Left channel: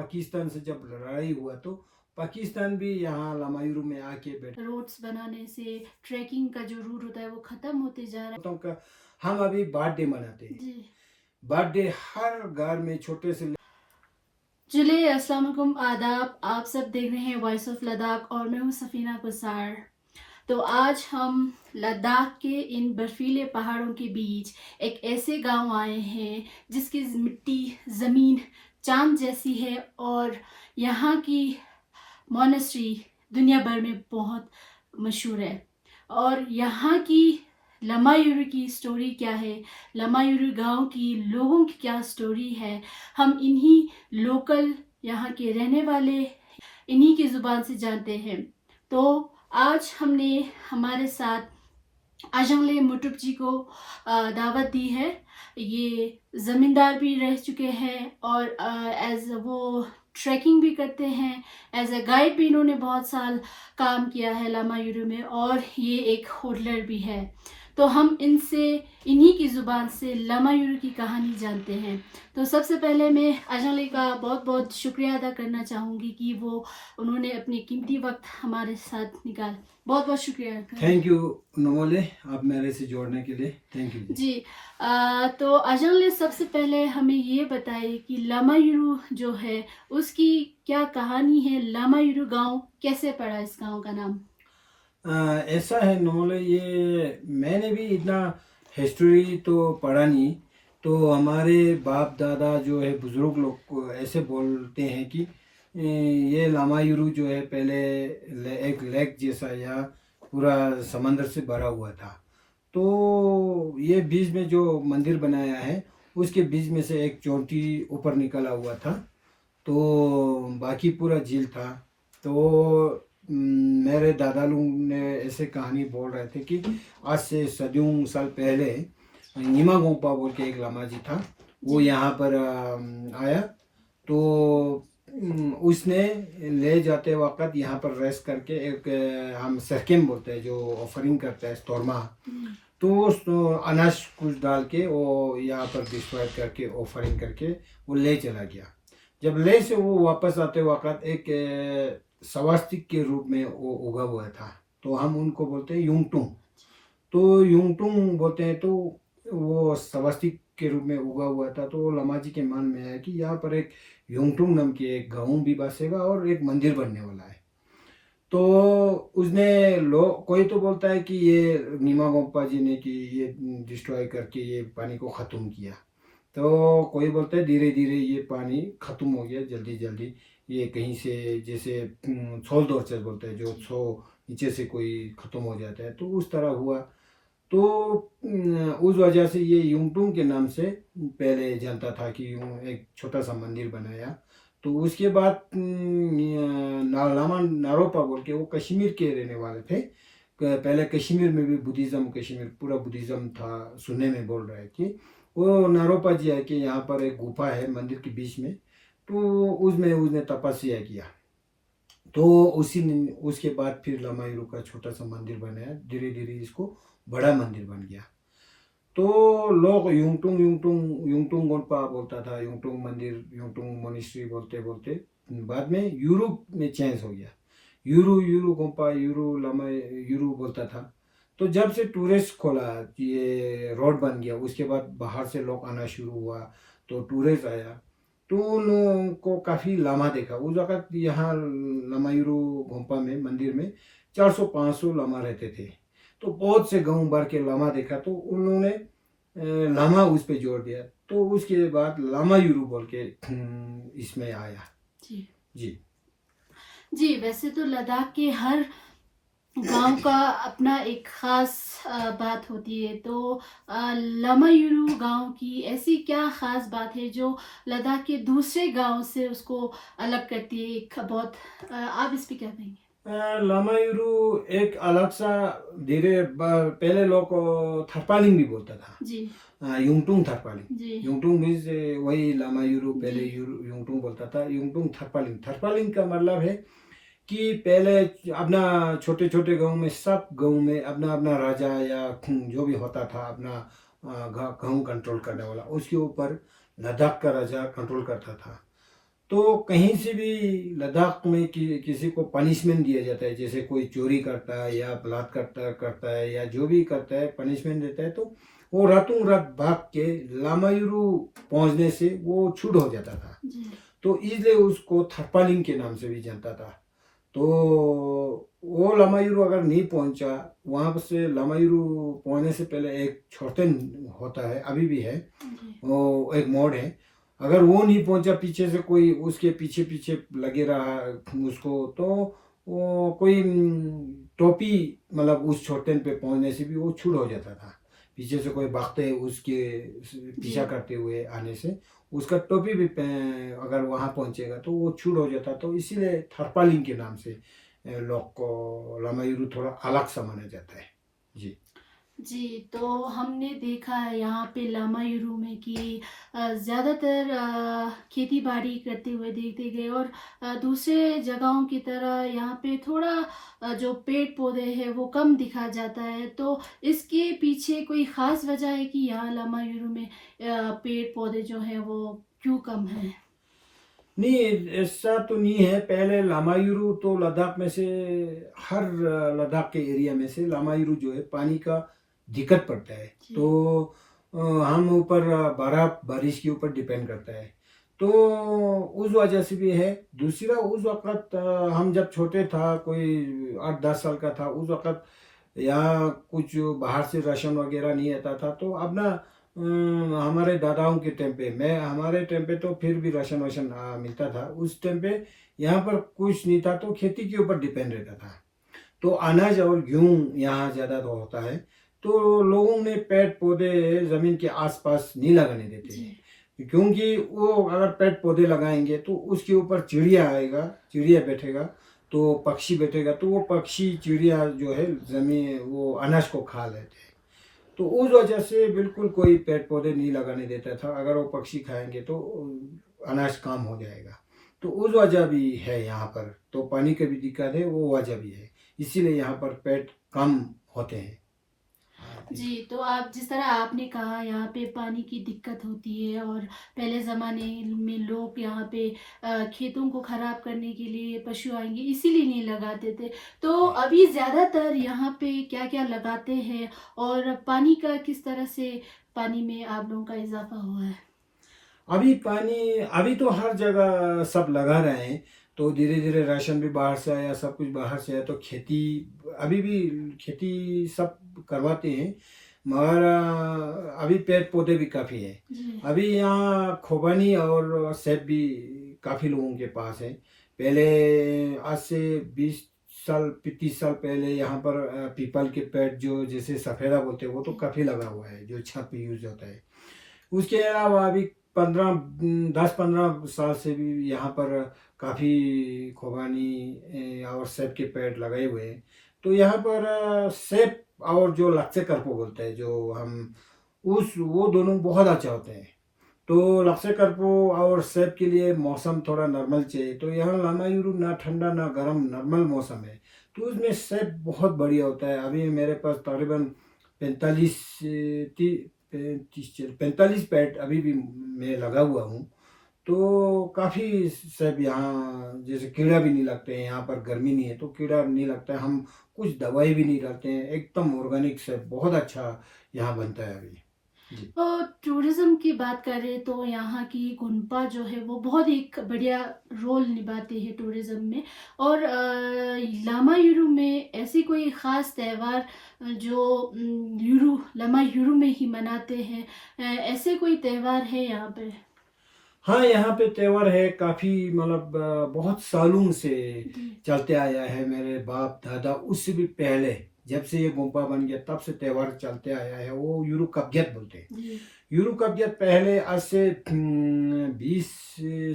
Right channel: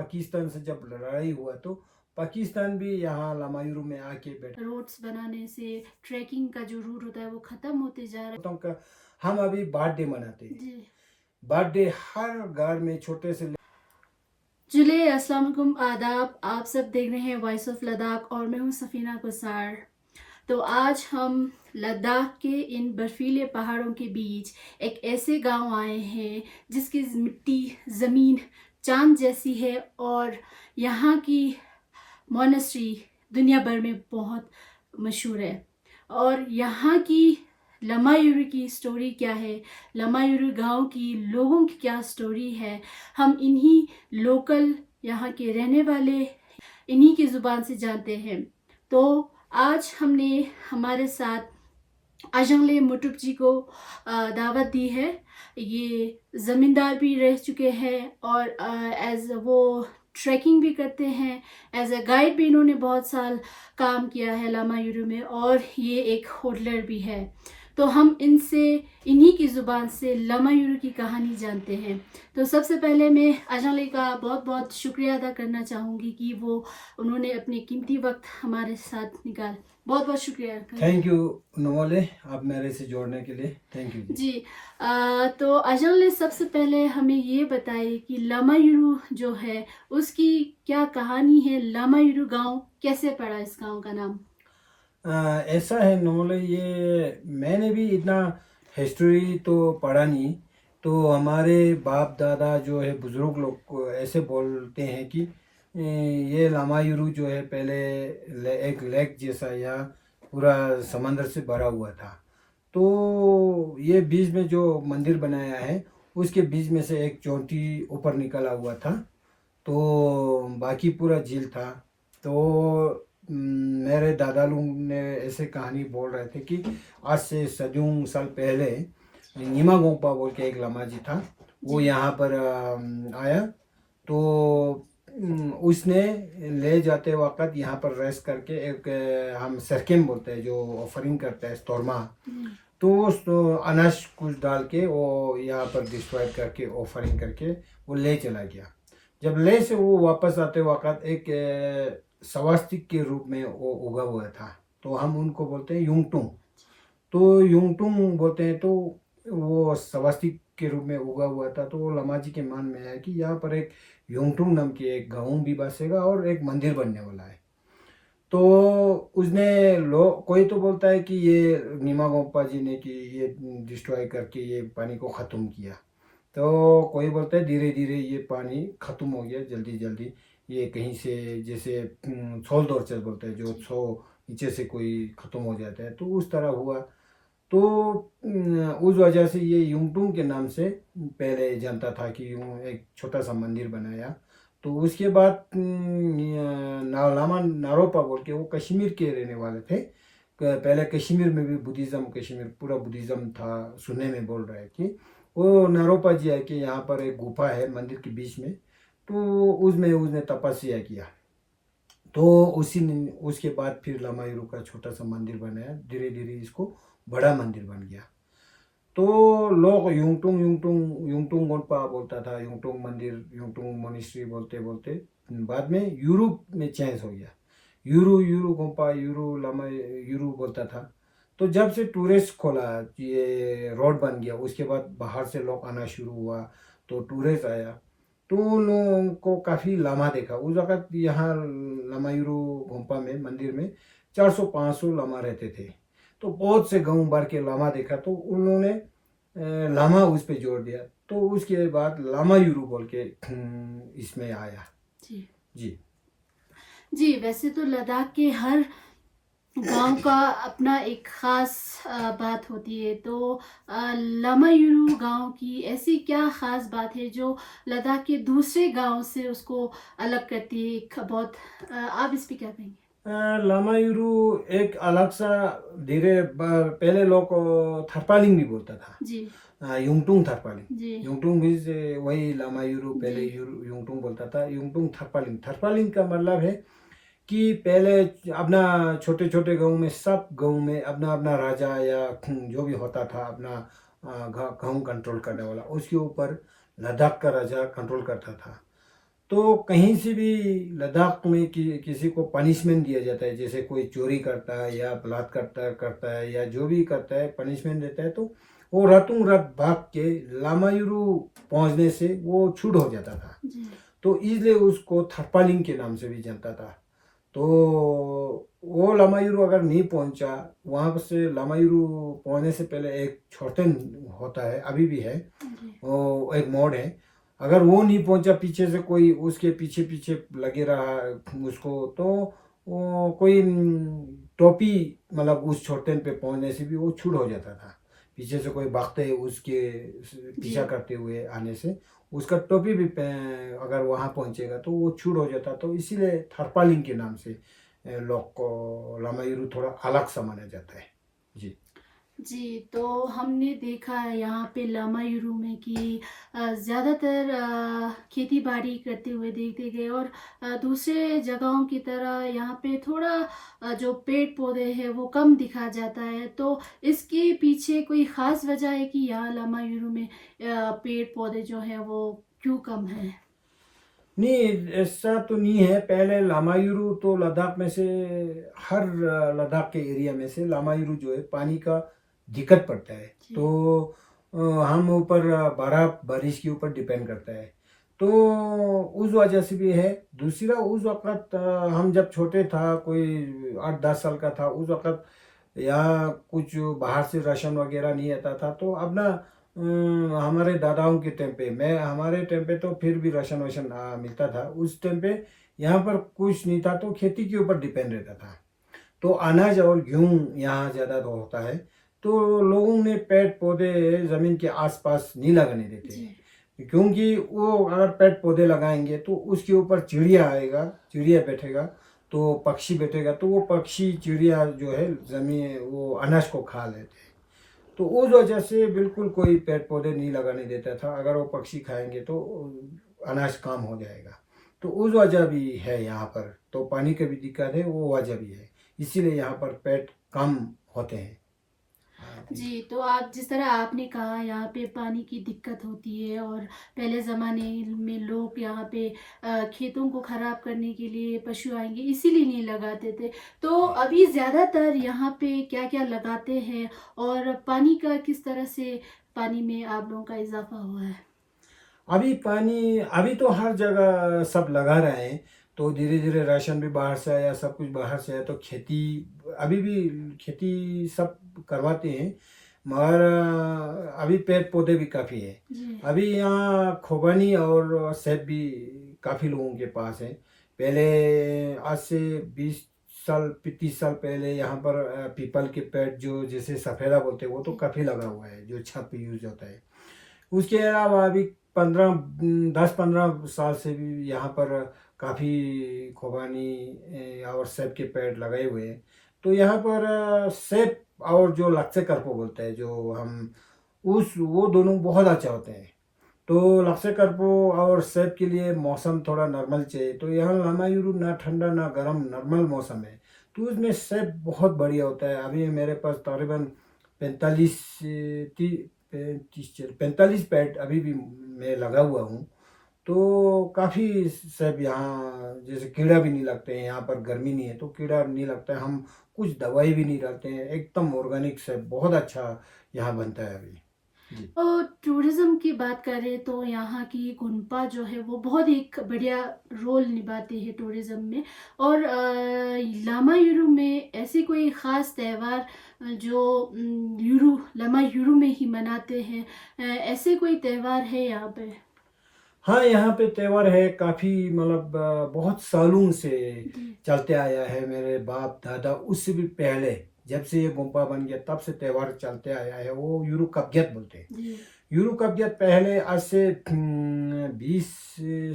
पाकिस्तान से जब लड़ाई हुआ तो पाकिस्तान भी यहाँ लामायूरू में आके बैठा। रोड्स बनाने से ट्रैकिंग का जो रूट होता है वो ख़त्म होते जा रहा है। हम अभी बर्थडे मनाते हैं जी बर्थडे हर घर में छोटे से। चलिए अस्सलाम वालेकुम आदाब, आप सब देख रहे हैं वॉइस ऑफ लद्दाख और मैं हूँ सफ़ीना कुसार। तो आज हम लद्दाख के इन बर्फीले पहाड़ों के बीच एक ऐसे गांव आए हैं जिसकी मिट्टी ज़मीन चांद जैसी है और यहाँ की मोनेस्ट्री दुनिया भर में बहुत मशहूर है। और यहाँ की लामायूरू की स्टोरी क्या है, लामायूरू गांव की लोगों की क्या स्टोरी है, हम इन्हीं लोकल यहाँ के रहने वाले इन्हीं की ज़ुबान से जानते हैं। तो आज हमने हमारे साथ अजंगले मुटुप जी को दावत दी है। ये ज़मींदार भी रह चुके हैं और एज वो ट्रैकिंग भी करते हैं, एज अ गाइड भी इन्होंने बहुत साल काम किया है लामायूरू में और ये एक होटलर भी है। तो हम इनसे इन्हीं की ज़ुबान से लामायूरू की कहानी जानते हैं। तो सबसे पहले मैं अजंगले का बहुत बहुत शुक्रिया अदा करना चाहूँगी कि वो उन्होंने अपने कीमती वक्त हमारे साथ निकाल। बहुत बहुत शुक्रिया। थैंक यू नमोले, आप मेरे से जोड़ने के लिए थैंक यू जी। तो अजंगले सबसे पहले हमें ये बताइए कि लामायूरू जो है उसकी क्या कहानी है, लामायूरू गांव कैसे पड़ा इस गांव का नाम? ऐसा है नमोले, ये मैंने भी इतना हिस्ट्री तो पढ़ा नहीं। तो हमारे बाप दादा जो है बुजुर्ग लोग को ऐसे बोलते हैं कि ये लामायूरू जो है पहले एक लेक जैसा या पूरा समंदर से भरा हुआ था। तो ये बीच में जो मंदिर बनाया है उसके बीच में से एक चोटी ऊपर निकला हुआ था, तो बाकी पूरा झील था। तो मेरे दादा लोग ने ऐसे कहानी बोल रहे थे कि आज से सदियों साल पहले नीमा गोपा बोल के एक लामा जी था, वो यहाँ पर आया। तो उसने ले जाते वक्त यहाँ पर रेस्ट करके एक हम सरकेम बोलते हैं जो ऑफरिंग करता है तोरमा, तो अनाज कुछ डाल के वो यहाँ पर डिस्ट्रॉय करके ऑफरिंग करके वो ले चला गया। जब ले से वो वापस आते वक्त एक स्वास्तिक के रूप में वो उगा हुआ था, तो हम उनको बोलते हैं युंगटुंग। तो युंगटुंग बोलते हैं, तो वो स्वास्तिक के रूप में उगा हुआ था। तो लमा जी के मन में आया कि यहाँ पर एक युंगटुंग नाम के एक गाँव भी बसेगा और एक मंदिर बनने वाला है। तो उसने कोई तो बोलता है कि ये नीमा गोपा जी ने कि ये डिस्ट्रॉय करके ये पानी को ख़त्म किया। तो कोई बोलता है धीरे धीरे ये पानी ख़त्म हो गया जल्दी जल्दी, ये कहीं से जैसे छोल दौर से बोलते हैं जो सो नीचे से कोई ख़त्म हो जाता है, तो उस तरह हुआ। तो उस वजह से ये युंगटुंग के नाम से पहले जानता था कि यूँ एक छोटा सा मंदिर बनाया। तो उसके बाद लामा नारोपा बोल के वो कश्मीर के रहने वाले थे। पहले कश्मीर में भी बुद्धिज़्म, कश्मीर पूरा बुद्धिज़्म था सुनने में बोल रहे कि वो नारोपा जी है कि यहाँ पर एक गुफा है मंदिर के बीच में, तो उसमें उसने तपस्या किया। तो उसके बाद फिर लामायूरू का छोटा सा मंदिर बनाया, धीरे धीरे इसको बड़ा मंदिर बन गया। तो लोग युंगटुंग युंगटुंग युंगटुंग गोनपा बोलता था, युंगटुंग मंदिर, युंगटुंग मोनिस्ट्री बोलते बोलते बाद में यूरोप में चेंज हो गया। यूरू यूरू गोनपा यूरू लामा यूरू बोलता था। तो जब से टूरिस्ट खोला, ये रोड बन गया, उसके बाद बाहर से लोग आना शुरू हुआ, तो टूरिस्ट आया, तो उन लोगों को काफ़ी लामा देखा। उस वक़्त यहाँ लामायूरू गोम्पा में मंदिर में 400-500 लामा रहते थे। तो बहुत से गाँव भर के लामा देखा, तो उन लोगों ने लामा उस पे जोड़ दिया। तो उसके बाद लामायूरू बोल के इसमें आया। जी जी जी। वैसे तो लद्दाख के हर गांव का अपना एक ख़ास बात होती है। तो लामायूरू गांव की ऐसी क्या ख़ास बात है जो लद्दाख के दूसरे गांव से उसको अलग करती है? बहुत आप इस पे क्या कहेंगे? लामायूरू एक अलग सा पहले लोग थरपालिंग भी बोलता था। जी युंगटुंग थरपालिंग, जी युंगटुंग मीन्स वही लामायूरू पहले जी युंगटुंग बोलता था। युंगटुंग थरपालिंग, थरपालिंग का मतलब है कि पहले अपना छोटे छोटे गांव में, सब गांव में अपना अपना राजा या जो भी होता था अपना गांव कंट्रोल करने वाला, उसके ऊपर लद्दाख का राजा कंट्रोल करता था। तो कहीं से भी लद्दाख में किसी को पनिशमेंट दिया जाता है, जैसे कोई चोरी करता है या बलात्कार करता करता है या जो भी करता है पनिशमेंट देता है, तो वो रातों रात भाग के लामायुरू पहुंचने से वो छूट हो जाता था। जी तो इसलिए उसको थर्पालिंग के नाम से भी जानता था। तो वो लामायुरू अगर नहीं पहुंचा, वहाँ से लामायुरू पहुंचने से पहले एक छोटन होता है, अभी भी है, जी वो एक मोड़ है। अगर वो नहीं पहुंचा, पीछे से कोई उसके पीछे पीछे लगे रहा उसको, तो वो कोई टोपी मतलब उस छोटन पे पहुंचने से भी वो छूट हो जाता था। पीछे से कोई भागते उसके जी पीछा करते हुए आने से उसका टोपी भी अगर वहाँ पहुंचेगा तो वो छूट हो जाता। तो इसीलिए थर्पालिंग के नाम से लोग को लामायुरू थोड़ा अलग सा माना जाता है। जी जी, तो हमने देखा है यहाँ पे लामायुरू में कि ज़्यादातर खेती बाड़ी करते हुए देखते गए, और दूसरे जगहों की तरह यहाँ पे थोड़ा जो पेड़ पौधे हैं वो कम दिखा जाता है। तो इसके पीछे कोई ख़ास वजह है कि यहाँ लामायुरू में पेड़ पौधे जो हैं वो क्यों कम हैं? नहीं, ऐसा तो नहीं है। पहले लामायुरू तो लद्दाख में से हर लद्दाख के एरिया में से लामायुरू जो है पानी का दिक्कत पड़ता है। जी तो हम ऊपर बारिश के ऊपर डिपेंड करता है, तो उस वजह से भी है। दूसरा, उस वक़्त हम जब छोटे था, कोई 8-10 साल का था, उस वक़्त यहाँ कुछ बाहर से राशन वगैरह नहीं आता था। तो अब ना हमारे दादाओं के टाइम पे, मैं हमारे टाइम पे तो फिर भी राशन वाशन मिलता था। उस टाइम पे यहाँ पर कुछ नहीं था, तो खेती के ऊपर डिपेंड रहता था। तो अनाज और गेहूँ यहाँ ज़्यादा तो होता है। तो लोगों ने पेड़ पौधे ज़मीन के आसपास नहीं लगाने देते जी हैं, क्योंकि वो अगर पेड़ पौधे लगाएंगे तो उसके ऊपर चिड़िया आएगा, चिड़िया बैठेगा, तो पक्षी बैठेगा, तो वो पक्षी चिड़िया जो है ज़मीन वो अनाज को खा लेते हैं। तो उस वजह से बिल्कुल कोई पेड़ पौधे नहीं लगाने देता था। अगर वो पक्षी खाएंगे तो अनाज कम हो जाएगा। तो उस वजह भी है यहाँ पर। तो पानी की भी दिक्कत है, वो वजह भी है, इसीलिए यहाँ पर पेड़ कम होते हैं। जी जी, तो आप जिस तरह आपने कहा यहाँ पे पानी की दिक्कत होती है, और पहले ज़माने में लोग यहाँ पे खेतों को ख़राब करने के लिए पशु आएंगे इसीलिए नहीं लगाते थे। तो अभी ज़्यादातर यहाँ पे क्या-क्या लगाते हैं, और पानी का किस तरह से पानी में आप लोगों का इज़ाफ़ा हुआ है? अभी पानी, अभी तो हर जगह सब लगा रहे हैं। तो धीरे धीरे राशन भी बाहर से आया, सब कुछ बाहर से आया, तो खेती अभी भी खेती सब करवाते हैं। मगर अभी पेड़ पौधे भी काफ़ी है। जी, अभी यहाँ खोबानी और सेब भी काफ़ी लोगों के पास है। पहले आज से 20 साल 30 साल पहले यहाँ पर पीपल के पेड़ जो जैसे सफ़ेदा बोलते हैं वो तो जी, काफ़ी लगा हुआ है, जो छत पे यूज होता है। उसके अलावा अभी 10-15 साल से भी यहाँ पर काफ़ी खुबानी और सेब के पेड़ लगाए हुए हैं। तो यहाँ पर सेब और जो लक्ष्य करपो बोलते हैं, जो हम उस वो दोनों बहुत अच्छा होते हैं। तो लक्ष्य करपो और सेब के लिए मौसम थोड़ा नॉर्मल चाहिए। तो यहाँ लामायुरू ना ठंडा ना गर्म, नॉर्मल मौसम है। तो उसमें सेब बहुत बढ़िया होता है। अभी मेरे पास तकरीबन 45 पेड़ अभी भी मैं लगा हुआ हूँ। तो काफ़ी सेब यहाँ, जैसे कीड़ा भी नहीं लगते हैं, यहाँ पर गर्मी नहीं है तो कीड़ा नहीं लगता है। हम कुछ दवाई भी नहीं डालते हैं, एकदम ऑर्गेनिक सेब बहुत अच्छा यहाँ बनता है अभी। जी तो टूरिज़्म की बात करें तो यहाँ की गोम्पा जो है वो बहुत एक बढ़िया रोल निभाती है टूरिज़्म में। और लामायुरू में ऐसी कोई ख़ास त्यौहार जो लामायुरू में ही मनाते हैं, ऐसे कोई त्यौहार है यहाँ पे? हाँ, यहाँ पे त्योहार है काफ़ी, मतलब बहुत सालों से जी चलते आया है। मेरे बाप दादा उससे भी पहले, जब से ये गोम्पा बन गया तब से त्योहार चलते आया है। वो यूरू कब्जियत बोलते हैं। जी यूरो कब्जियत पहले आज से 20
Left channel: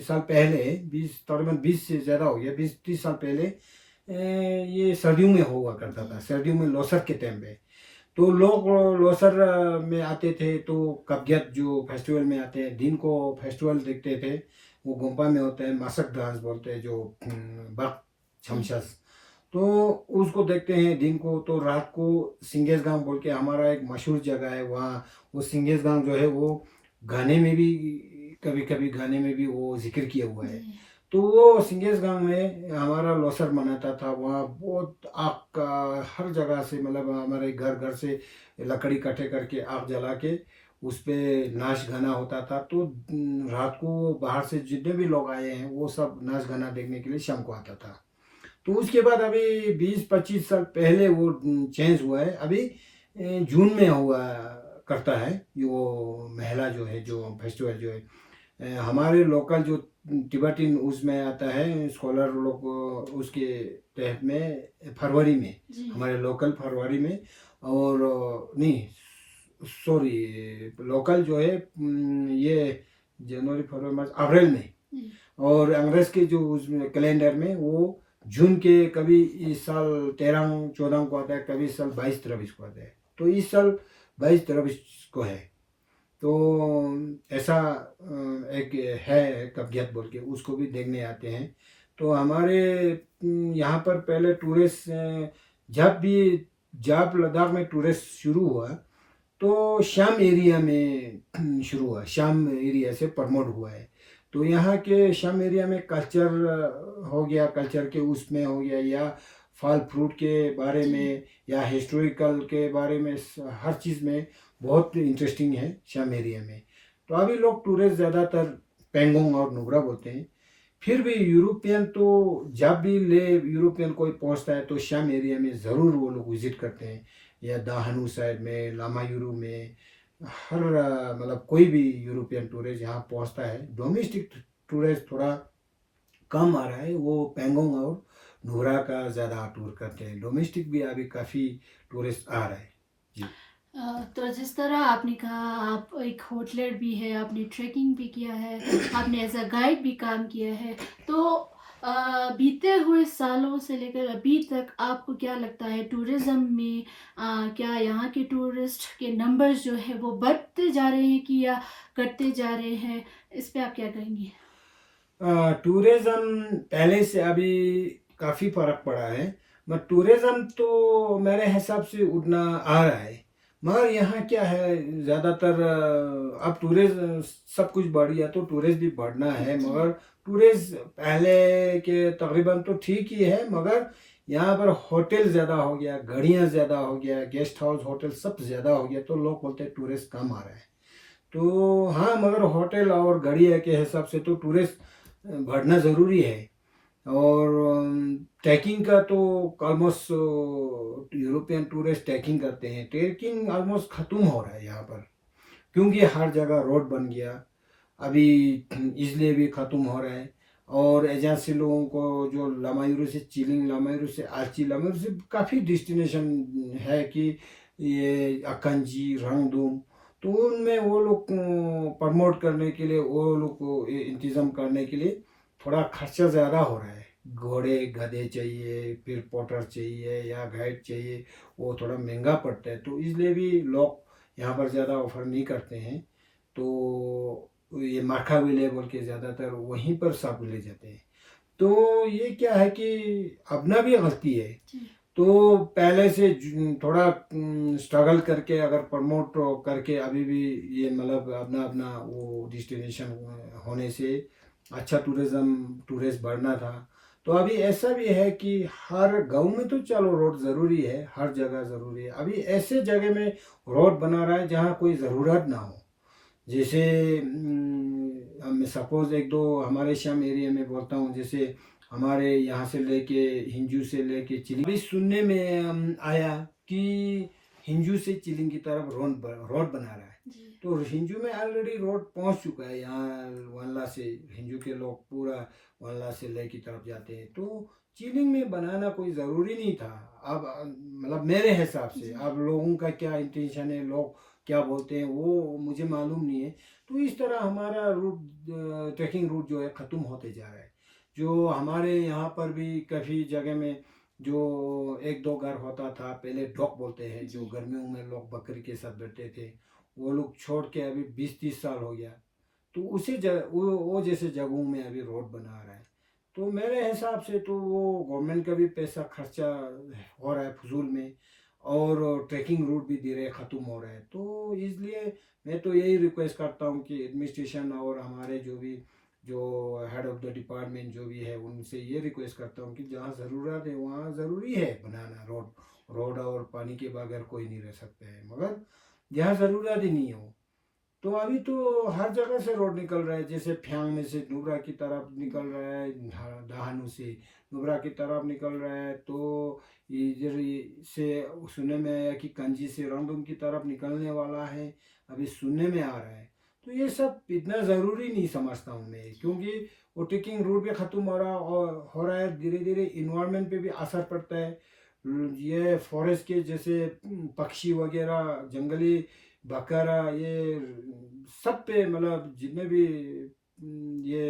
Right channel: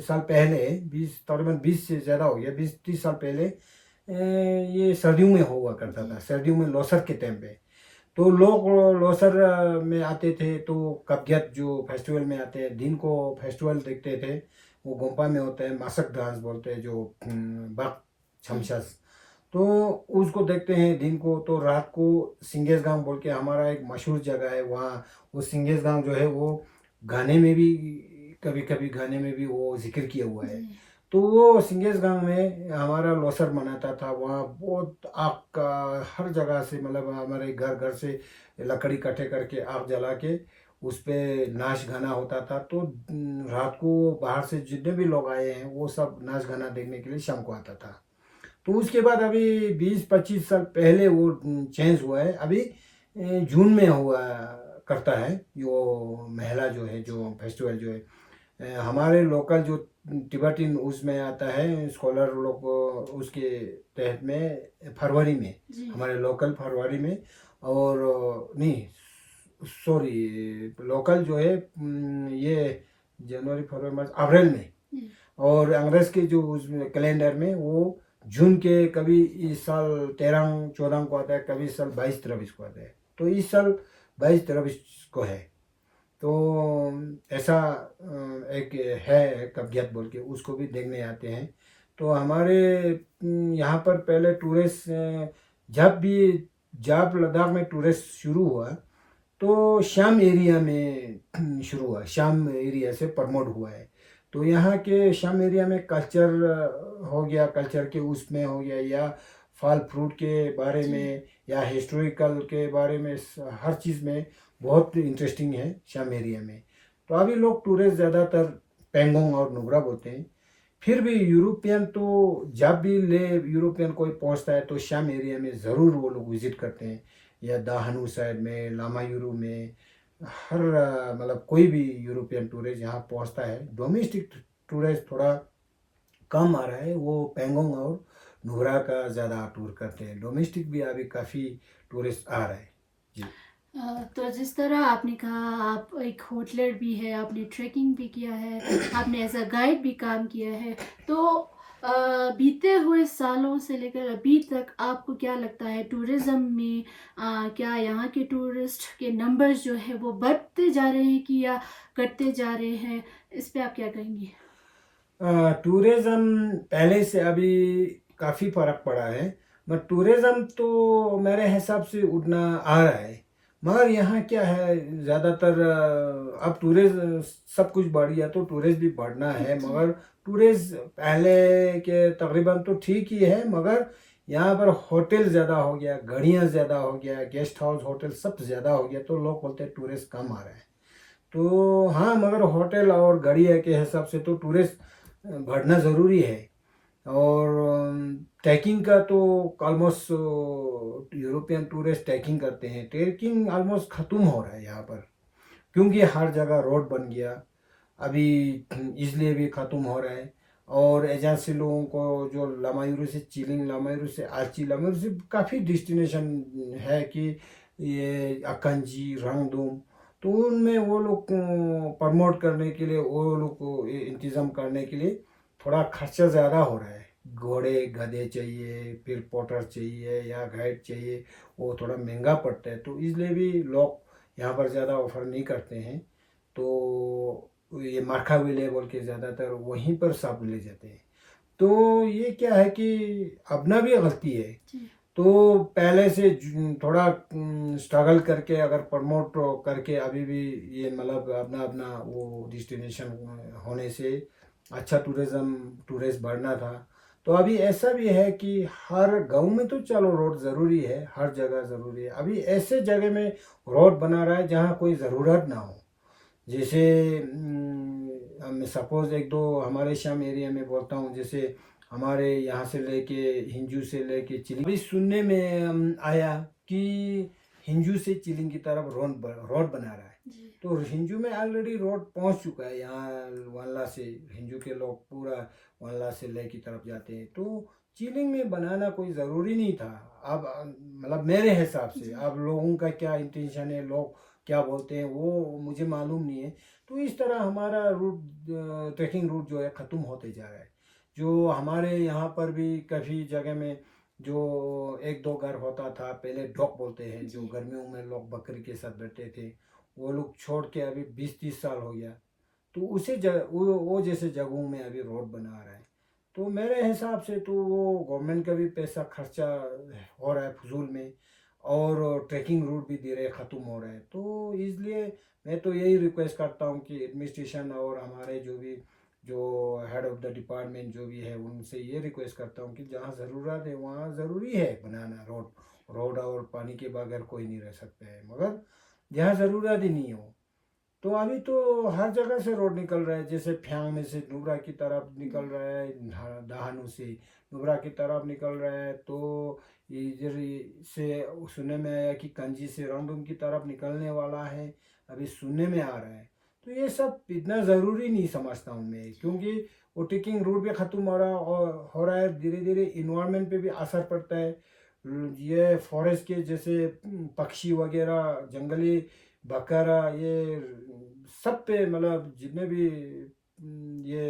साल पहले, 20 तकरीबन 20 से ज़्यादा हो गया, 20-30 साल पहले ये सर्दियों में हुआ करता था। जी सर्दियों में लोसर के टाइम पे तो लोग लोसर में आते थे। तो कब्जियत जो फेस्टिवल में आते हैं, दिन को फेस्टिवल देखते थे। वो गोम्पा में होते हैं, मासक डांस बोलते हैं, जो बक जी छमछस, तो उसको देखते हैं दिन को। तो रात को सिंगेस गांव बोल के हमारा एक मशहूर जगह है वहाँ। वो सिंगेस गांव जो है वो गाने में भी, कभी कभी गाने में भी वो जिक्र किया हुआ है। जी तो वो सिंगेसगांव में हमारा लोसर मनाता था। वहाँ बहुत आग का हर जगह से, मतलब हमारे घर घर से लकड़ी इकट्ठे करके आग जला के उस पे नाच गाना होता था। तो रात को बाहर से जितने भी लोग आए हैं वो सब नाच गाना देखने के लिए शाम को आता था। तो उसके बाद अभी 20-25 साल पहले वो चेंज हुआ है। अभी जून में हुआ करता है जो महिला जो है, जो फेस्टिवल जो है हमारे लोकल जो तिब्बतिन उसमें आता है, स्कॉलर लोग उसके तहत में फरवरी में, जी हमारे लोकल फरवरी में। और नहीं, सॉरी, लोकल जो है ये जनवरी फरवरी मार्च अप्रैल में। जी और अंग्रेज के जो उसमें कैलेंडर में वो जून के कभी इस साल 13-14 को आता है, कभी इस साल 22-23 को आता है। तो इस साल 22-23 को है। तो ऐसा एक है कब्जियत बोल के, उसको भी देखने आते हैं। तो हमारे यहाँ पर पहले टूरिस्ट जब लद्दाख में टूरिस्ट शुरू हुआ तो शाम एरिया में शुरू हुआ, शाम एरिया से प्रमोट हुआ है। तो यहाँ के शाम एरिया में कल्चर हो गया, कल्चर के उसमें हो गया, या फल फ्रूट के बारे जी में, या हिस्टोरिकल के बारे में, हर चीज़ में बहुत इंटरेस्टिंग है शाम एरिया में। तो अभी लोग टूरिस्ट ज़्यादातर पेंगोंग और नुब्रा बोलते हैं। फिर भी यूरोपियन तो जब भी ले यूरोपियन कोई पहुंचता है तो शाम एरिया में ज़रूर वो लोग विजिट करते हैं, या दाहनू साइड में, लामायूरू में, हर मतलब कोई भी यूरोपियन टूरिस्ट यहाँ पहुंचता है। डोमेस्टिक टूरिस्ट थोड़ा कम आ रहा है, वो पेंगोंग और नुब्रा का ज़्यादा टूर करते हैं। डोमेस्टिक भी अभी काफ़ी टूरिस्ट आ रहा है जी। तो जिस तरह आपने कहा आप एक होटलर भी है, आपने ट्रैकिंग भी किया है, आपने एज अ गाइड भी काम किया है, तो बीते हुए सालों से लेकर अभी तक आपको क्या लगता है टूरिज़्म में क्या यहाँ के टूरिस्ट के नंबर्स जो है वो बढ़ते जा रहे हैं कि या घटते जा रहे हैं? इस पे आप क्या कहेंगे? टूरिज़्म पहले से अभी काफ़ी फर्क पड़ा है, मगर टूरिज़्म तो मेरे हिसाब से उतना आ रहा है। मगर यहाँ क्या है, ज़्यादातर अब टूरिस्ट सब कुछ बढ़ गया तो टूरिस्ट भी बढ़ना है। जी मगर टूरिस्ट पहले के तकरीबन तो ठीक ही है, मगर यहाँ पर होटल ज़्यादा हो गया, गाड़ियाँ ज़्यादा हो गया, गेस्ट हाउस होटल सब ज़्यादा हो गया, तो लोग बोलते हैं टूरिस्ट कम आ रहे हैं। तो हाँ, मगर होटल और गाड़ी के हिसाब से तो टूरिस्ट बढ़ना ज़रूरी है। और ट्रैकिंग का तो ऑलमोस्ट यूरोपियन टूरिस्ट ट्रैकिंग करते हैं। ट्रैकिंग ऑलमोस्ट ख़त्म हो रहा है यहाँ पर, क्योंकि हर जगह रोड बन गया अभी, इसलिए भी ख़त्म हो रहा है। और एजेंसी लोगों को जो लामायूरू से चिलिंग, लामायूरू से आची, लामायूरू से काफ़ी डेस्टिनेशन है कि ये अकंजी, रंगदूम, तो उनमें वो लोग प्रमोट करने के लिए, वो लोग को इंतज़ाम करने के लिए थोड़ा खर्चा ज़्यादा हो रहा है। घोड़े गधे चाहिए, फिर पोटर चाहिए या गाइड चाहिए, वो थोड़ा महंगा पड़ता है। तो इसलिए भी लोग यहाँ पर ज़्यादा ऑफर नहीं करते हैं। तो ये मार्का विले बोल के ज़्यादातर वहीं पर सब ले जाते हैं। तो ये क्या है कि अपना भी गलती है। जी तो पहले से थोड़ा स्ट्रगल करके अगर प्रमोट करके अभी भी ये मतलब अपना अपना वो डेस्टिनेशन होने से अच्छा टूरिस्ट बढ़ना था। तो अभी ऐसा भी है कि हर गांव में तो चलो रोड ज़रूरी है, हर जगह ज़रूरी है। अभी ऐसे जगह में रोड बना रहा है जहाँ कोई ज़रूरत ना हो। जैसे मैं सपोज एक दो हमारे शाम एरिया में बोलता हूँ, जैसे हमारे यहाँ से लेके हिंजू से लेके चिलिंग, अभी सुनने में आया कि हिंजू से चिलिंग की तरफ रोड बना रहा है। जी तो हिंजू में ऑलरेडी रोड पहुँच चुका है। यहाँ वनला से हिंजू के लोग पूरा वनला से ले की तरफ जाते हैं। तो चिलिंग में बनाना कोई ज़रूरी नहीं था। अब मतलब मेरे हिसाब से, जी अब लोगों का क्या इंटेंशन है, लोग क्या बोलते हैं, वो मुझे मालूम नहीं है। तो इस तरह हमारा रूट, ट्रैकिंग रूट जो है ख़त्म होते जा रहा है। जो हमारे यहाँ पर भी काफ़ी जगह में जो एक दो घर होता था पहले, डॉक बोलते हैं, जो जी गर्मियों में लोग बकरी के साथ बैठते थे, वो लोग छोड़ के अभी 20-30 साल हो गया। तो उसी जगह वो जैसे जगहों में अभी रोड बना रहा है। तो मेरे हिसाब से तो वो गवर्नमेंट का भी पैसा खर्चा हो रहा है फजूल में, और ट्रैकिंग रूट भी धीरे ख़त्म हो रहा है। तो इसलिए मैं तो यही रिक्वेस्ट करता हूँ कि एडमिनिस्ट्रेशन और हमारे जो भी जो हेड ऑफ द डिपार्टमेंट जो भी है उनसे ये रिक्वेस्ट करता हूँ कि जहाँ ज़रूरत है वहाँ ज़रूरी है बनाना रोड। रोड और पानी के बगैर कोई नहीं रह सकता है, मगर जहाँ ज़रूरत ही नहीं हो। तो अभी तो हर जगह से रोड निकल रहा है, जैसे फ्यांग में से नुब्रा की तरफ निकल रहा है, दहानू से नुब्रा की तरफ निकल रहा है, तो इधर से सुनने में आया कि कंजी से रंगदुम की तरफ निकलने वाला है, अभी सुनने में आ रहा है। तो ये सब इतना ज़रूरी नहीं समझता हूँ मैं, क्योंकि वो ट्रेकिंग रूट भी ख़त्म हो रहा और हो रहा है, धीरे धीरे इन्वायरमेंट पे भी असर पड़ता है। ये फॉरेस्ट के जैसे पक्षी वगैरह, जंगली बकरा, ये सब पे मतलब जितने भी ये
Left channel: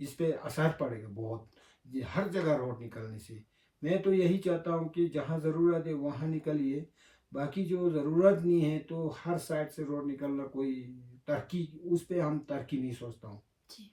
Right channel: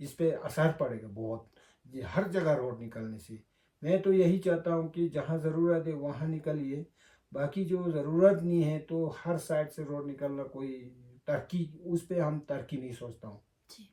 इस पे असर पड़ेगा बहुत, ये हर जगह रोड निकलने से। मैं तो यही चाहता हूँ कि जहाँ ज़रूरत है वहाँ निकलिए, बाकी जो ज़रूरत नहीं है तो हर साइड से रोड निकलना कोई तरक्की, उस पे हम तरक्की नहीं सोचता हूँ। जी।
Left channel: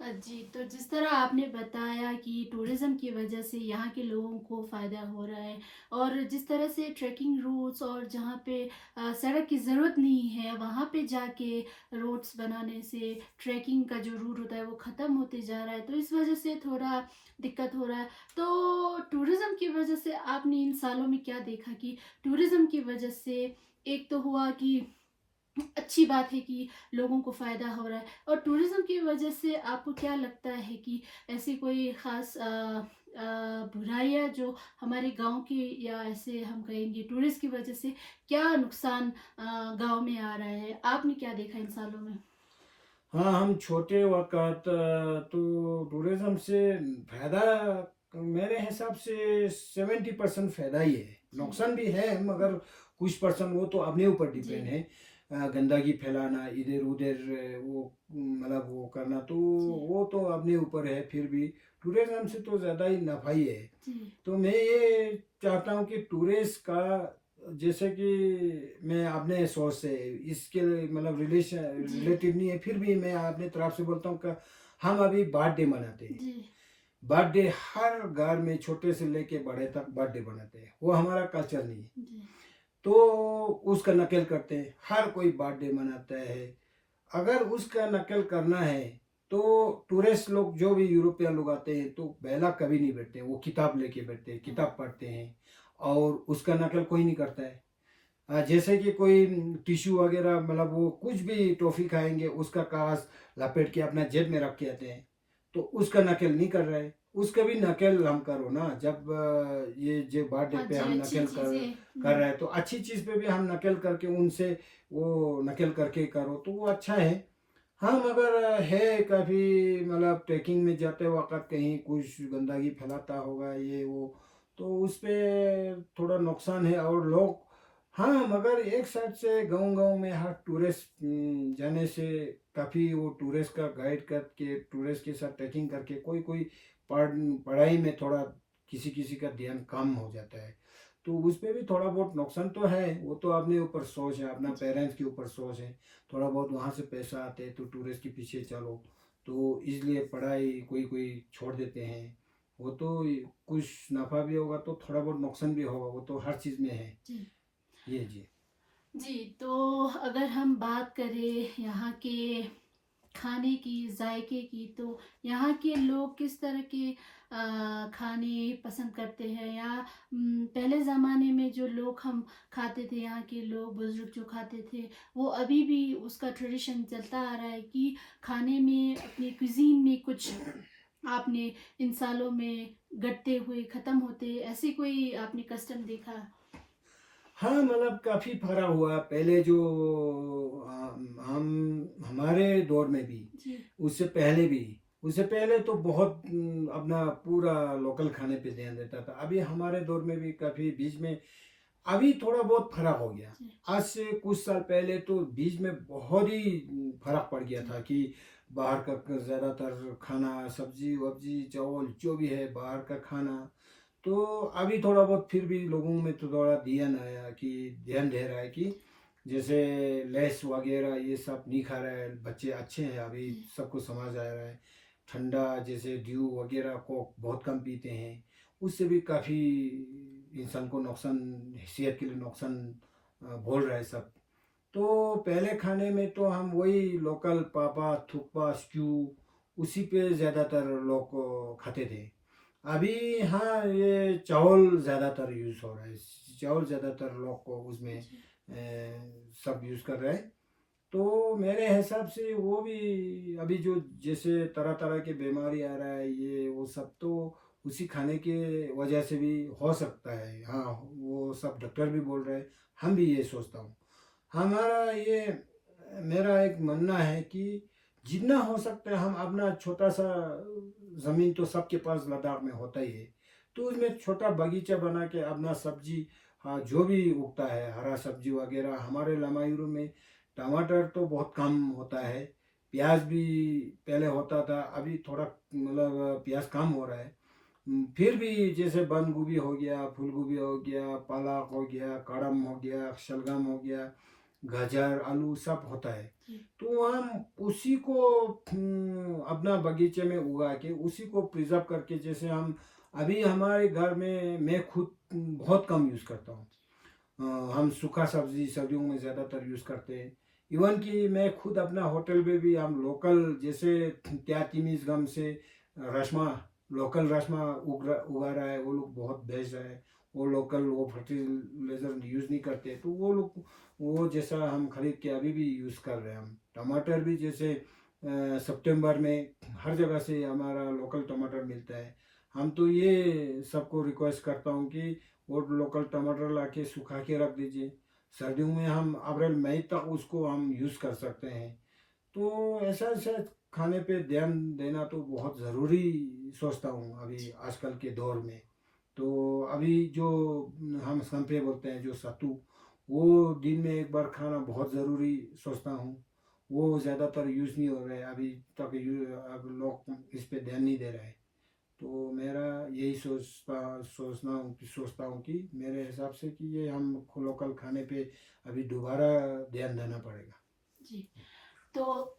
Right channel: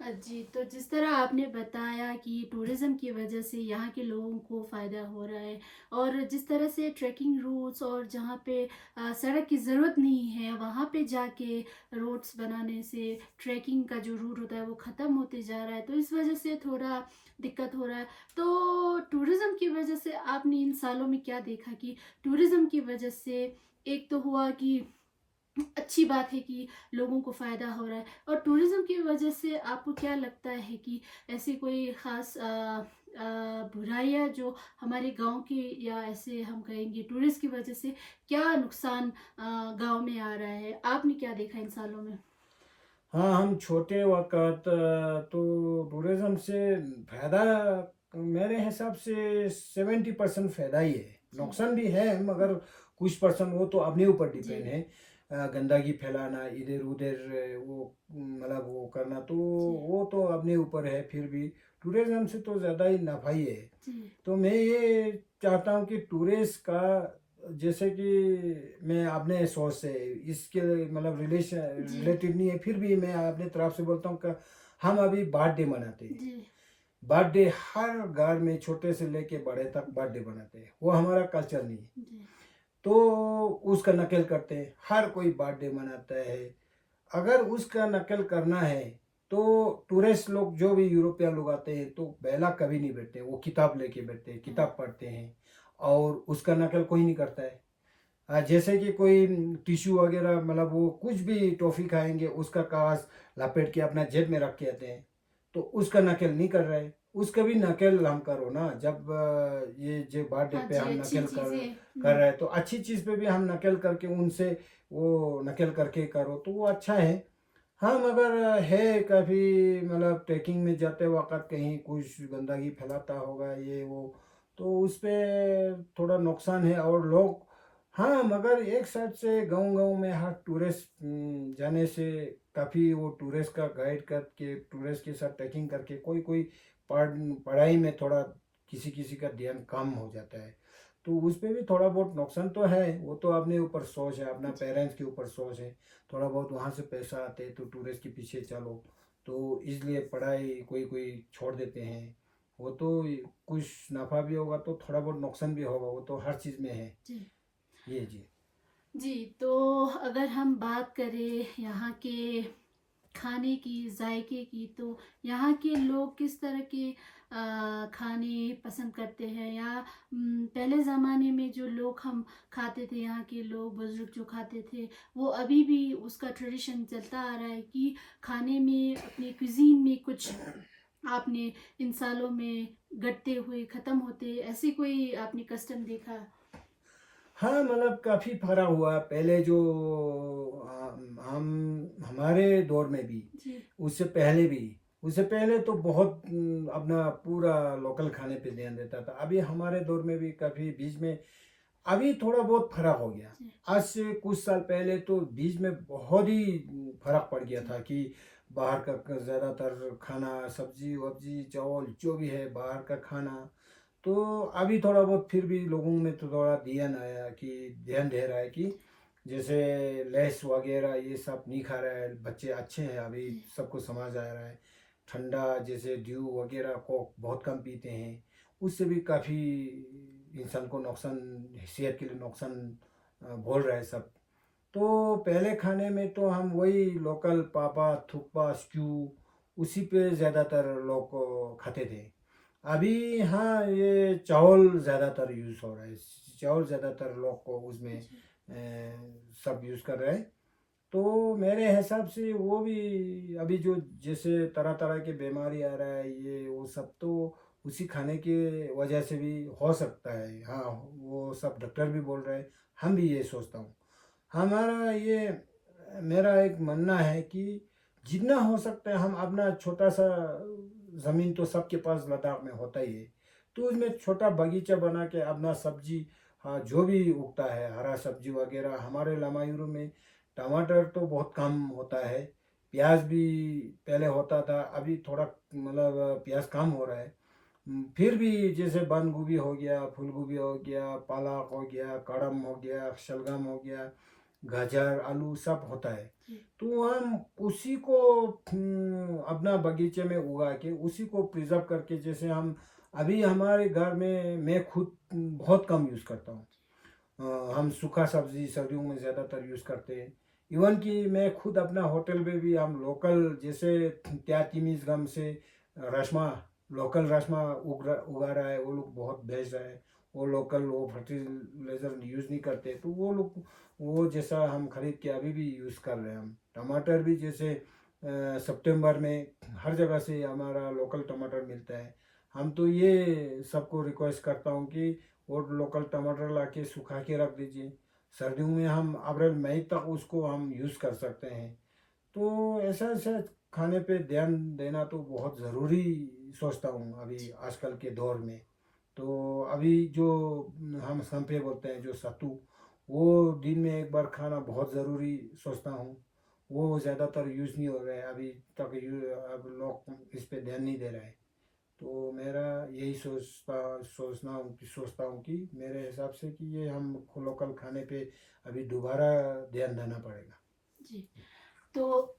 जी, तो जिस तरह आपने बताया कि टूरिज़्म की वजह से यहाँ के लोगों को फ़ायदा हो रहा है, और जिस तरह से ट्रैकिंग रूट्स और जहाँ पे सड़क की ज़रूरत नहीं है वहाँ पे जाके रोड्स बनाने से ट्रैकिंग का जो रूट होता है वो ख़त्म होते जा रहा है, तो इस वजह से थोड़ा दिक्कत हो रहा है। तो टूरिज़्म की वजह से आपने इन सालों में क्या देखा कि टूरिज़्म की वजह से एक तो हुआ कि अच्छी बात है कि लोगों को फ़ायदा हो रहा है, और टूरिज़्म की वजह से आपको क्या लगता है कि ऐसी कोई ख़ास बुराइयाँ जो हमारे गांव के, या ऐसे हम कहेंगे टूरिस्ट की वजह से क्या नुकसान गांव में आ रहा है, आपने क्या देखा इन सालों में? हाँ, हम छोटे वक़्त तो टूरिज़्म से फ़ायदा मेरे हिसाब से 70% फ़ायदा ही है। जी। नुकसान भी है मगर कुछ परसेंट वो तो अपने ऊपर जी। डिपेंड है। गंदगी फैलाना इधर-उधर वो मतलब वो करना तो जी। वो तो अपने ऊपर है, फिर भी टूरिज़्म से तो ज़्यादा ही नफ़ा ही है। जी। तो मैं ये चाहता हूँ कि टूरिस्ट का, जैसे कि मैं अपने सोच से इसके मतलब जी। रिलेटिव नहीं है, फिर भी मैं अपने तरफ से बोलता हूँ कि हम अभी बर्थडे मनाते हैं। जी। बर्थडे हर घर में छोटे से लेके बड़े तक बर्थडे मनाते हैं, वो हमारा कल्चर नहीं है। जी। तो उसका नकल करते हैं, हर कोई बर्थडे मनाता है। अगर उसका नकल करना है तो टूरिस्ट लोग जो भी यूरोपियन लोग आते हैं तो पहला कभी नहीं बैठते, वो किताब लेके बैठते हैं, हाँ। किताब पढ़ते हैं और उसका नकल कोई नहीं करता है। जैसे कि कोई टिश्यू वगैरह मतलब वो कुछ भी टॉफ़ी खाएंगे उसका कागज़ लपेट के अपना जेब में रख के आते हैं, तो उसका नकल नहीं कर रहे। उसका भी नकल हम करो ना, जब ये जो बर्थडे हाँ पे जी, हम अच्छी नकल कर चीज़ें। कर रहे हैं तो अच्छी चीज़ पे भी हम नकल करके उनसे वो नकल करके करो तो वो अच्छा है। हाँ, मगर है कभी मतलब ट्रैकिंग में जाते वक़्त कहीं कुछ गंदगी फैलाता होगा ये वो, तो उस पे थोड़ा नुकसान है और लोग, हाँ, मगर एक साइड से गाँव-गाँव में हर टूरिस्ट जाने से काफ़ी वो टूरिस्ट का गाइड करके टूरिस्ट के साथ ट्रैकिंग करके कोई-कोई पढ़ पढ़ाई में थोड़ा किसी-किसी का ध्यान कम हो जाता है। तो उस पे भी थोड़ा बहुत नुकसान तो है, वो तो अपने ऊपर सोच है, अपना जी। पेरेंट्स के ऊपर सोच है। थोड़ा बहुत वहाँ से पैसा आते तो टूरिस्ट के पीछे चलो, तो इसलिए पढ़ाई कोई-कोई छोड़ देते हैं। वो तो कुछ नफ़ा भी होगा तो थोड़ा बहुत नुकसान भी होगा, वो तो हर चीज़ में है। जी। ये जी। जी, तो अगर हम बात करें यहाँ के खाने की, जायके की, तो यहाँ के लोग किस तरह के खाने पसंद करते हैं, या पहले ज़माने में जो लोग हम खाते थे, यहाँ के लोग बुज़ुर्ग जो खाते थे, वो अभी भी उसका ट्रेडिशन चलता आ रहा है कि खाने में अपनी क्विज़ीन में कुछ आपने इन सालों में घटते हुए, ख़त्म होते, ऐसे कोई आपने कस्टम देखा? हाँ, मतलब काफ़ी फ़र्क हुआ पहले जो हम हमारे दौर में भी, जी। उससे पहले तो बहुत अपना पूरा लोकल खाने पे ध्यान देता था। अभी हमारे दौर में भी काफ़ी बीच में अभी थोड़ा बहुत फ़र्क हो गया। जी। आज से कुछ साल पहले तो बीच में बहुत ही फ़र्क पड़ गया जी। था कि बाहर का ज़्यादातर खाना, सब्ज़ी-वब्ज़ी, चावल जो भी है बाहर का खाना। तो अभी थोड़ा बहुत फिर भी लोगों में तो थोड़ा ध्यान दे रहा है कि जैसे लेस वगैरह ये सब नहीं खा रहा है, बच्चे अच्छे हैं अभी, जी। सबको समझ आ रहा है। ठंडा जैसे ड्यू वगैरह कोक बहुत कम पीते हैं, उससे भी काफ़ी इंसान को नुकसान, सेहत के लिए नुकसान बोल रहा है सब। तो पहले खाने में तो हम वही लोकल पापा थुक्पा स्ट्यू उसी पे ज़्यादातर लोग खाते थे। अभी हाँ, ये चावल ज़्यादातर यूज़ हो रहा है, चावल ज़्यादातर लोग को उसमें जी सब यूज़ कर रहे हैं। तो मेरे हिसाब से वो भी अभी जो जैसे तरह तरह की बीमारी आ रहा है, ये वो सब तो उसी खाने की वजह से भी हो सकता है। हाँ, वो सब डॉक्टर भी बोल रहे हैं, हम भी ये सोचता हूँ। हमारा ये मेरा एक मानना है कि जितना हो सकता है हम अपना छोटा सा ज़मीन तो सबके पास लद्दाख में होता ही है, तो उसमें छोटा बगीचा बना के अपना सब्जी, हाँ, जो भी उगता है हरा सब्जी वगैरह। हमारे लामायूरू में टमाटर तो बहुत कम होता है, प्याज भी पहले होता था, अभी थोड़ा मतलब प्याज कम हो रहा है। फिर भी जैसे बंद गोभी हो गया, फूल गोभी हो गया, पालक हो गया, कड़म हो गया, शलगम हो गया, गाजर, आलू सब होता है। जी तो हम उसी को अपना बगीचे में उगा के उसी को प्रिजर्व करके, जैसे हम अभी हमारे घर में मैं खुद बहुत कम यूज़ करता हूँ। हम सूखा सब्जी सर्दियों में ज़्यादातर यूज़ करते हैं। इवन कि मैं खुद अपना होटल में भी हम लोकल जैसे त्या तिमिस गम से रसमा, लोकल रसमा उगा रहा है, वो लोग बहुत भेज रहा है। वो लोकल वो फर्टिलाइज़र यूज़ नहीं करते, तो वो लोग वो जैसा हम खरीद के अभी भी यूज़ कर रहे हैं। हम टमाटर भी जैसे सितंबर में हर जगह से हमारा लोकल टमाटर मिलता है। हम तो ये सबको रिक्वेस्ट करता हूँ कि वो लोकल टमाटर ला के सुखा के रख दीजिए, सर्दियों में हम अप्रैल मई तक उसको हम यूज़ कर सकते हैं। तो ऐसा ऐसा खाने पे ध्यान देना तो बहुत ज़रूरी सोचता हूँ अभी आजकल के दौर में। तो अभी जो हम संपे बोलते हैं जो सत्तू, वो दिन में एक बार खाना बहुत ज़रूरी सोचता हूँ। वो ज़्यादातर यूज़ नहीं हो रहा है अभी तक, अब लोग इस पे ध्यान नहीं दे रहे हैं। तो मेरा यही सोचता हूँ कि मेरे हिसाब से कि ये हम लोकल खाने पे अभी दोबारा ध्यान देना पड़ेगा। जी तो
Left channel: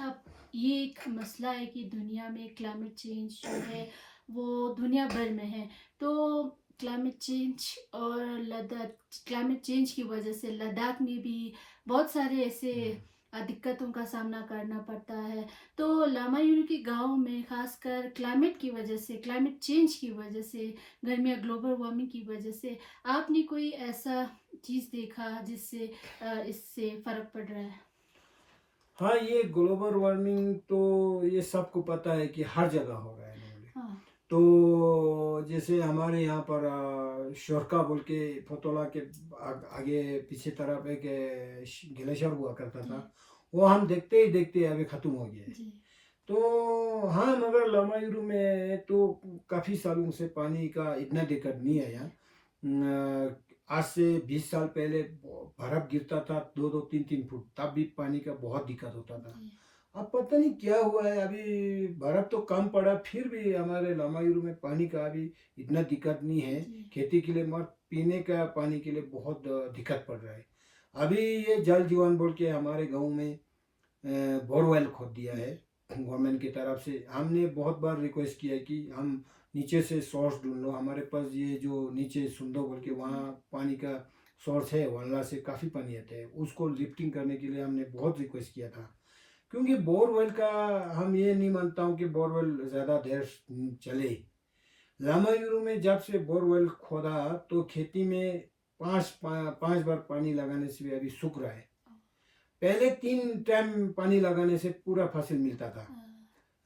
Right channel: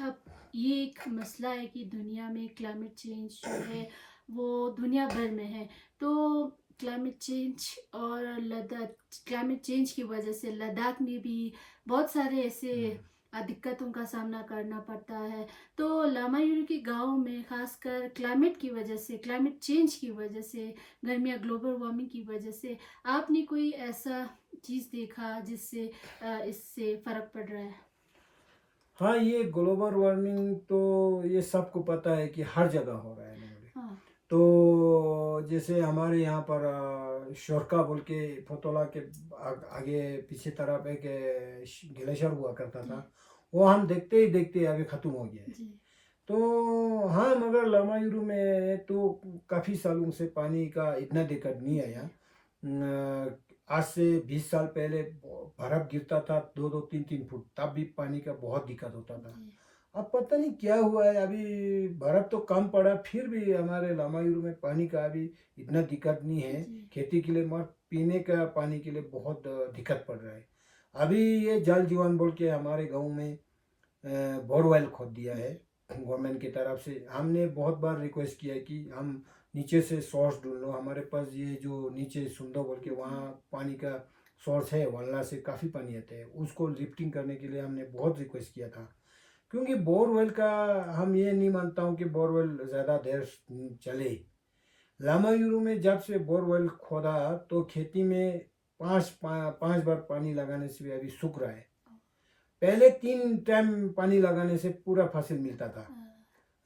अब ये एक मसला है कि दुनिया में क्लाइमेट चेंज जो है वो दुनिया भर में है। तो क्लाइमेट चेंज और लद्दाख, क्लाइमेट चेंज की वजह से लद्दाख में भी बहुत सारे ऐसे दिक्कतों का सामना करना पड़ता है। तो लामायूरी के गांव में खासकर क्लाइमेट की वजह से, क्लाइमेट चेंज की वजह से, गर्मियाँ, ग्लोबल वार्मिंग की वजह से आपने कोई ऐसा चीज़ देखा जिससे इससे फ़र्क पड़ रहा है? हाँ, ये ग्लोबल वार्मिंग तो ये सबको पता है कि हर जगह हो रहा है नॉर्मली। हाँ तो जैसे हमारे यहाँ पर शोरका बोल के फोतोला के आगे पीछे तरफ एक ग्लेशियर हुआ करता जी था, वो हम देखते ही देखते अभी ख़त्म हो गया है। जी तो हाँ, मगर लामायूरू में तो काफ़ी सालों से पानी का इतना दिक्कत नहीं है यहाँ। आज से 20 साल पहले बर्फ़ गिरता था 2-2 3-3 फुट, तब भी पानी का बहुत दिक्कत होता था। जी अब पता नहीं क्या हुआ है, अभी बर्फ़ तो कम पड़ा फिर भी हमारे लामायूरू में पानी का अभी इतना दिक्कत नहीं है। जी खेती के लिए मगर पीने का पानी के लिए बहुत दिक्कत पड़ रहा है। अभी ये जल जीवन बोल के हमारे गाँव में बोरवेल खोद दिया है गवर्नमेंट की तरफ से। हमने बहुत बार रिक्वेस्ट किया है कि हम नीचे से सोर्स ढूंढ लो, हमारे पास ये जो नीचे सुंदो बोल के वहाँ पानी का सोर्स है, वल्ला से काफ़ी पानी आता है, उसको लिफ्टिंग करने के लिए हमने बहुत रिक्वेस्ट किया था। क्योंकि बोरवेल का हम ये नहीं मानता हूँ कि बोरवेल ज़्यादा देर चले। लामायूरू में जब से बोरवेल खोदा तो खेती में पाँच बार पानी लगाने से भी अभी सूख रहा है। पहले 3 टाइम पानी लगाने से पूरा फसल मिलता था।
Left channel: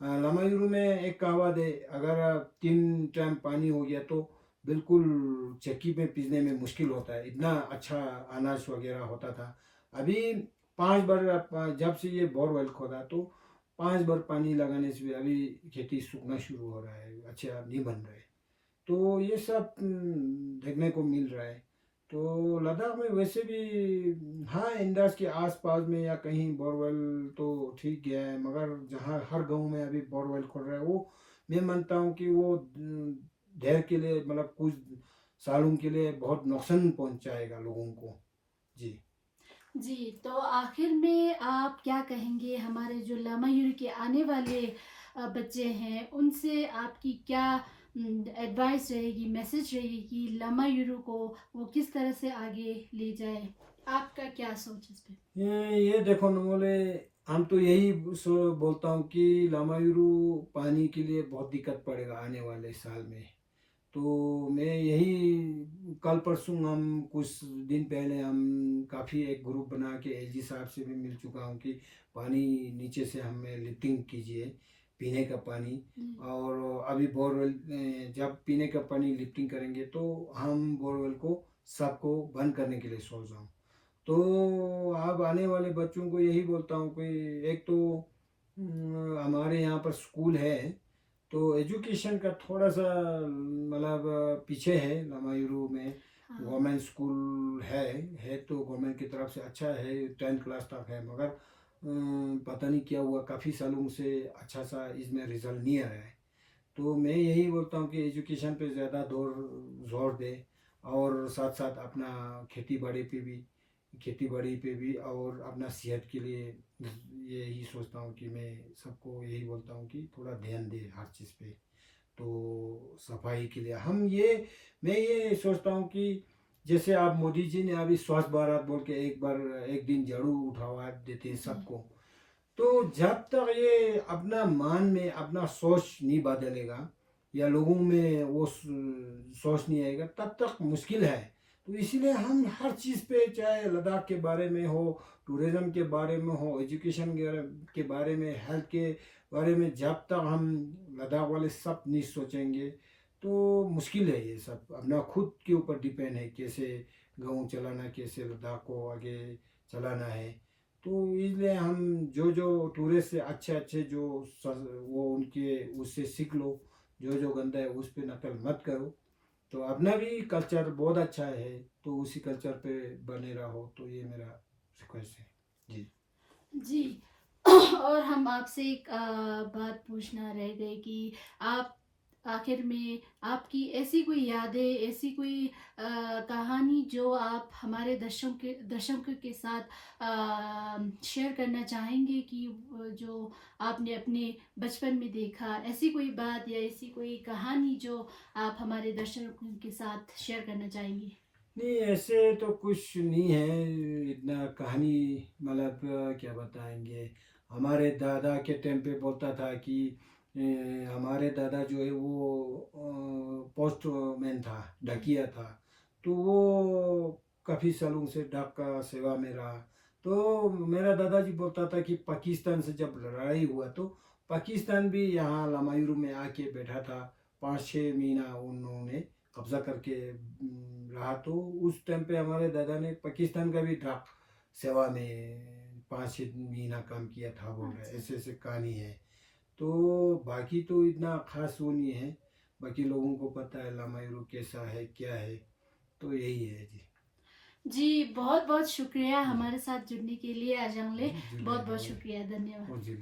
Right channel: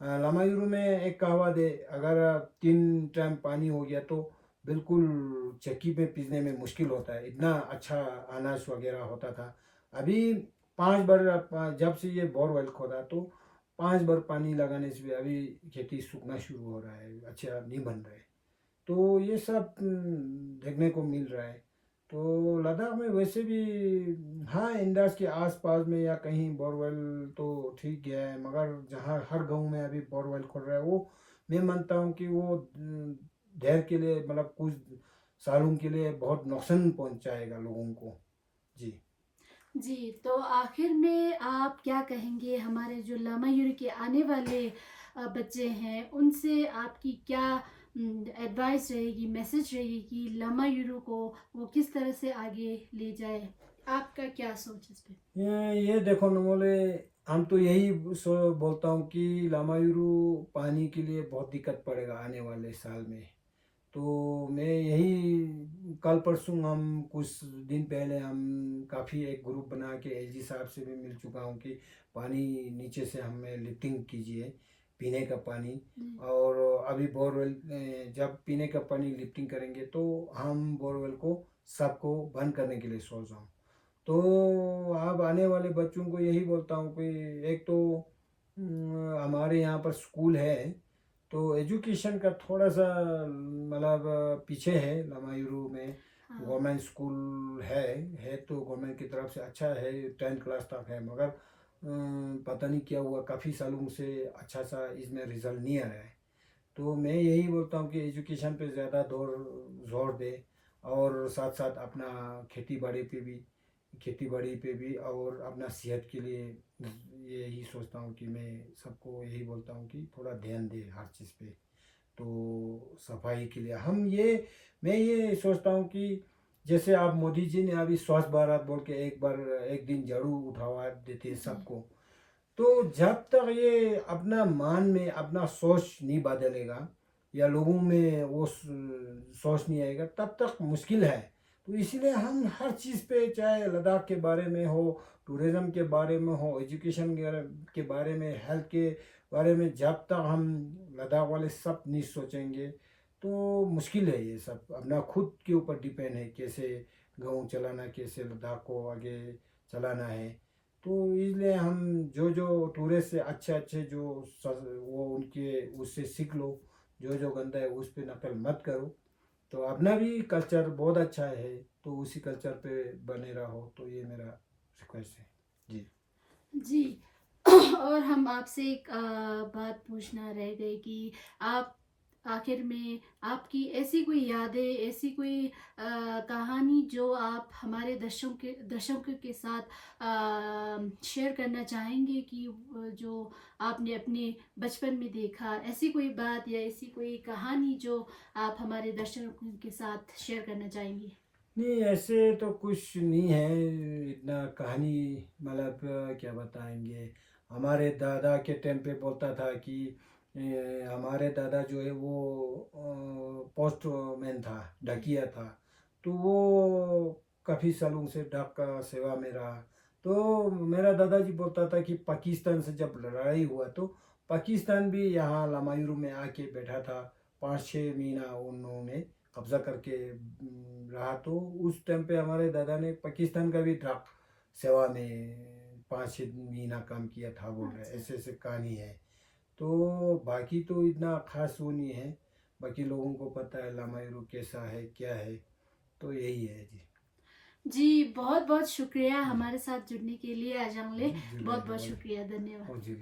लामायूरू में एक कहावत है, अगर 3 टाइम पानी हो गया तो बिल्कुल चक्की में पीसने में मुश्किल होता है, इतना अच्छा अनाज वगैरह होता था। अभी 5 बार जब से ये बोरवेल खोदा तो 5 बार पानी लगाने से भी अभी खेती सूखना शुरू हो रहा है, अच्छा नहीं बन रहा है। तो ये सब देखने को मिल रहा है। तो लद्दाख में वैसे भी हाँ, इंडस के आसपास में या कहीं बोरवेल तो ठीक गया है, मगर जहाँ हर गांव में अभी बोरवेल खोल रहा है, वो मैं मानता हूँ कि वो देर के लिए मतलब कुछ सालों के लिए बहुत नुकसान पहुँचाएगा लोगों को। जी। जी तो आखिर में आप क्या कहेंगे हमारे जो लामायूरी के आने वाले बच्चे हैं, उनसे आपकी क्या एडवाइस रहेगी, मैसेज रहेगी कि लामायूरू को वो किस तरह से आगे ले जाए? आपका क्या सोच इस पे? ये देखो नमोले, हम तो यही बोलता हूँ कि लामायूरू पानी के लिए बहुत दिक्कत पड़ेगा आने वाले साल में। तो मैं यही कल परसों हम कुछ दिन पहले हम काफ़ी एक ग्रुप बना के एलजी साहब से भी मिल चुका हूँ कि पानी नीचे से हमें लिफ्टिंग कीजिए पीने का पानी। और अभी बोरवेल जब पीने का पानी लिफ्टिंग करेंगे तो हम बोरवेल को सबको बंद करने के लिए सोच रहा हूँ। तो अब आने वाले बच्चों को यही बोलता हूँ कि एक तो हमारे यहाँ पर स्कूल है तो एजुकेशन का थोड़ा सा मतलब पीछे है लामायूरू में। हाँ। गवर्नमेंट स्कूल है तो गवर्नमेंट की तरफ से अच्छा है 10th क्लास तक है, मगर पता नहीं क्या हुआ काफ़ी सालों से अच्छा सा इसमें रिजल्ट नहीं आ रहा है। तो मैं यही बोलता हूँ कि एजुकेशन पे ज़्यादा जोर दे और साथ साथ अपना खेती बाड़ी पे भी और अपना सेहत के लिए यही सोचता हूँ कि मैं सबको यही बोलता हूँ कि थोड़ा ध्यान दे हर चीज़ पे। तो सफाई के लिए मैं ये सोचता हूँ कि जैसे आप मोदी जी ने अभी स्वच्छ भारत बोल के एक दिन झाड़ू उठवा देते हैं सबको। तो जब तक ये अपना मान में अपना सोच नहीं बदलेगा या लोगों में वो सोच नहीं आएगा तब तक मुश्किल है। तो इसीलिए हम हर चीज़ पे चाहे लद्दाख के बारे में हो, टूरिज़्म के बारे में हो, एजुकेशन के बारे में, हेल्थ के बारे में, जब तक हम लद्दाख वाले सब नहीं सोचेंगे तो मुश्किल है। ये सब अपना खुद के ऊपर डिपेंड है कैसे गाँव चलाना, कैसे लद्दाख को आगे चलाना है। तो इसलिए हम जो जो टूरिस्ट से अच्छे अच्छे वो उनके उससे सीख लो, जो जो गंदा है उस पे नकल मत करो। तो अपना भी कल्चर बहुत अच्छा है तो उसी कल्चर पे बने रहो, तो ये मेरा रिक्वेस्ट है जी। जी। और हम आपसे एक बात पूछना रह गए कि आप आखिर में आपकी ऐसी कोई यादें, ऐसी कोई कहानी जो आप हमारे दर्शकों के साथ शेयर करना चाहेंगे कि जो आपने अपने बचपन में देखा, ऐसी कोई बात या ऐसी कोई कहानी जो आप हमारे दर्शकों के साथ शेयर करना चाहेंगी? नहीं ऐसे तो कुछ नहीं है इतना कहानी, मतलब क्या बताएंगे। हमारे दादा के टाइम पे बोलता था कि हमारे दादा जो है वो पोस्टमैन था, डाकिया था। तो वो काफ़ी सालों से डाक का सेवा में रहा। तो मेरा दादाजी बोलता था कि पाकिस्तान से जब लड़ाई हुआ तो पाकिस्तान भी यहाँ लामायूरू में आके बैठा था। 5-6 महीना उन्होंने कब्जा करके रहा। तो उस टाइम पे हमारे दादा ने पाकिस्तान का भी ड्राफ्ट सेवा में 5-6 महीना काम किया था बोल रहे, अच्छा। ऐसे ऐसे कहानी है। तो बाकी तो इतना खास वो नहीं है, बाकी लोगों को पता है लामायूरू कैसा है क्या है। तो यही है जी। जी, बहुत बहुत शुक्रिया जी हमारे साथ जुड़ने के लिए अजंगले। जी बहुत बहुत शुक्रिया, धन्यवाद। और जिले